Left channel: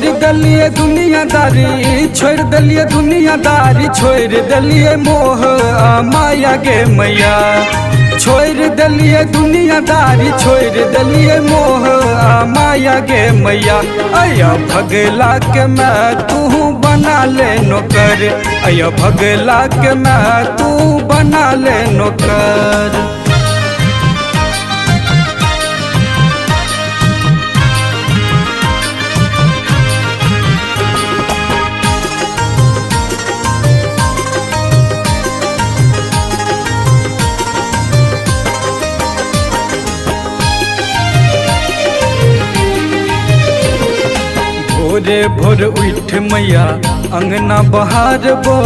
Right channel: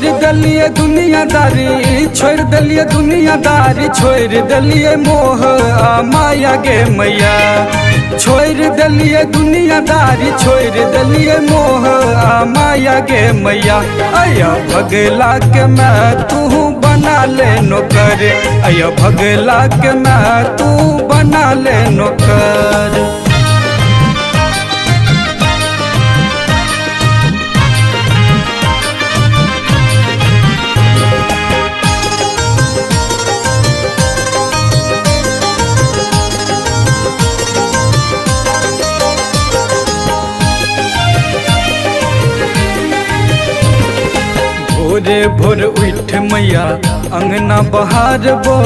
छोड़ दलिए दुनियादारी, छोड़ दलिए दुनियादारी, छोड़ दलिए मोह आ माया गे मैया। छोड़ दलिए दुनियादारी, छोड़ दलिए मोह आ माया गे मैया। अया भगला के मैं तू बना ले नौकर, अया भगला के मैं तू बना ले नौकर। भोरे भोर उठ मैया अंगना बहारबो,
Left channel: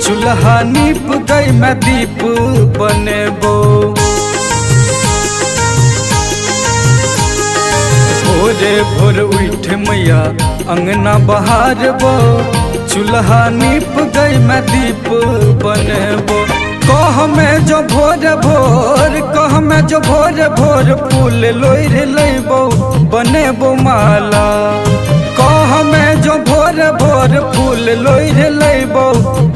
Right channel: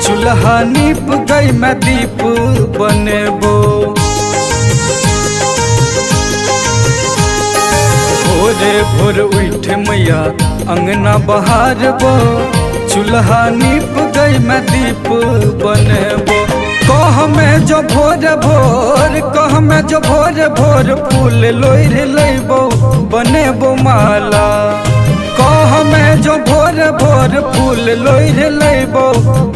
चूल्हा नीप गई मैं दीप बनेबो। भोरे भोर उठ मैया अंगना बहारबो, चूल्हा नीप गई मैं दीप बनेबो। कह में जो भोर भोर, कह में जो भोर भोर, फूल लोढ़ लेबो बनेबो माला। कह में जो भोर भोर, फूल लोढ़ लेबो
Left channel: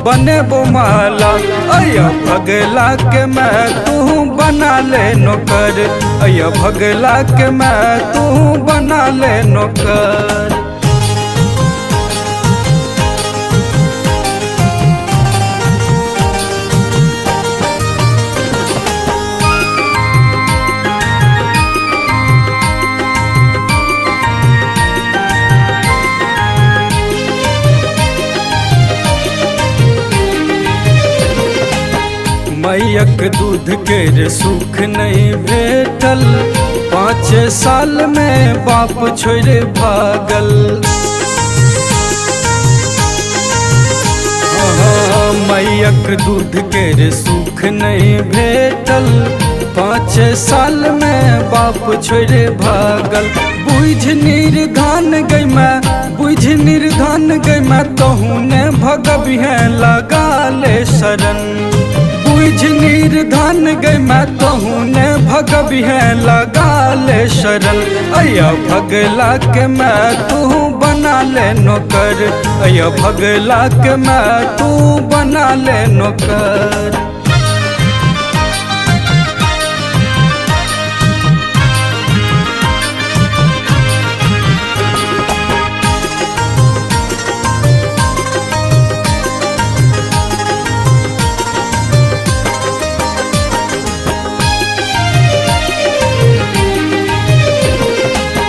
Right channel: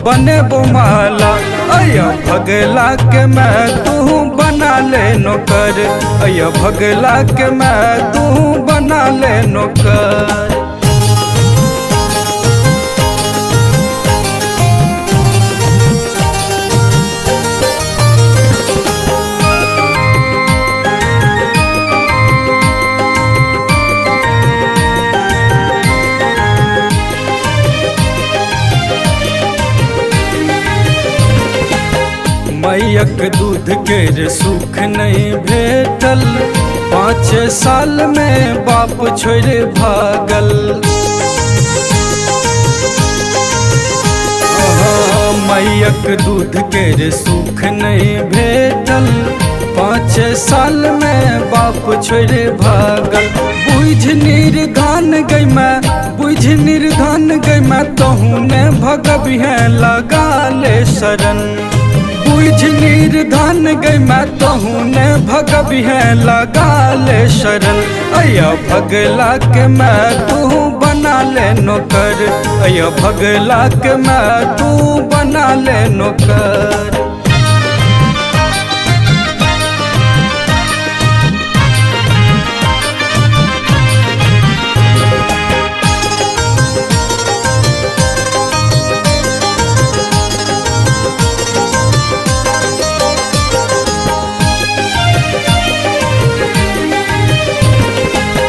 बनेबो माला। अया भगला के मैं तू बना ले नौकर, अया भगला के मैं तू बना ले नौकर। मैयक दूध के सुख नहीं भेटल, 5 साल में बाप छोड़ भागल। मैयक दूध के सुख नहीं भेटल, 5 साल में बाप छोड़ भागल। बुझ निर्धन गई मैं, बुझ निर्धन गई मैं, तहू ने भगबी है लगा ले शरण। बुझ निर्धन गई मैं, तहू ने भगबी है लगा ले शरण। अया भगला के मैं तू बना ले नौकर, अया भगला के मैं तू बना ले नौकर।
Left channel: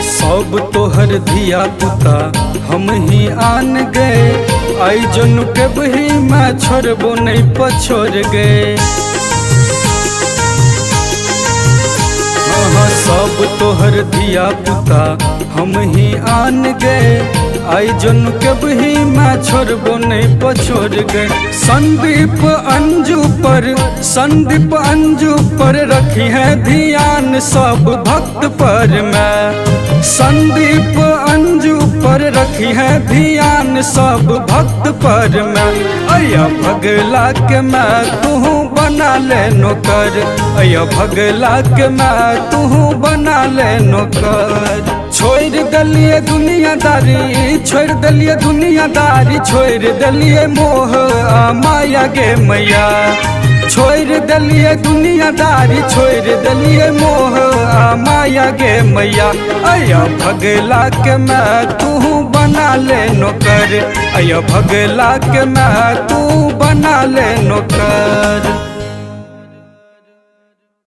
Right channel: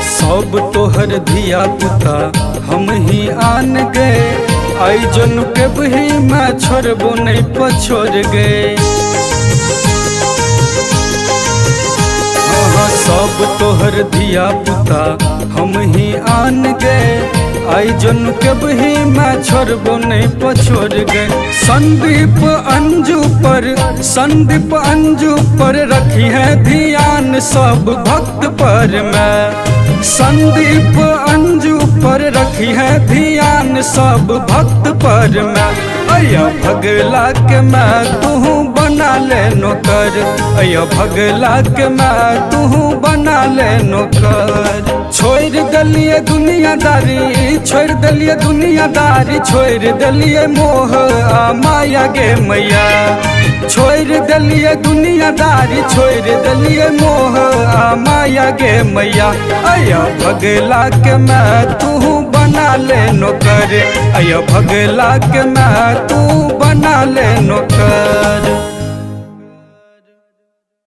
सब तोहर धिया पुता हम ही आन गए, आई जन के बही मैं छोड़बो नहीं पछोड़ गए। हाँ सब तोहर धिया पुता हम ही आन गए, आई जन के बही मैं छोड़बो नहीं पछोड़ गए। संदीप अंजू पर, संदीप अंजू पर रखी है ध्यान सब भक्त पर मैं। संदीप अंजू पर रखी है ध्यान सब भक्त पर मैं। अया भगला के मैं तू बना ले नौकर, अया भगला के मैं तू बना ले नौकर। छोड़ दलिए दुनियादारी, छोड़ दलिए दुनियादारी, छोड़ दलिए मोह आ माया गे मैया। छोड़ दलिए दुनियादारी, छोड़ दलिए मोह आ माया गे मैया। अया भगला के मैं तू बना ले नौकर, अया भगला के मैं तू बना ले नौकर।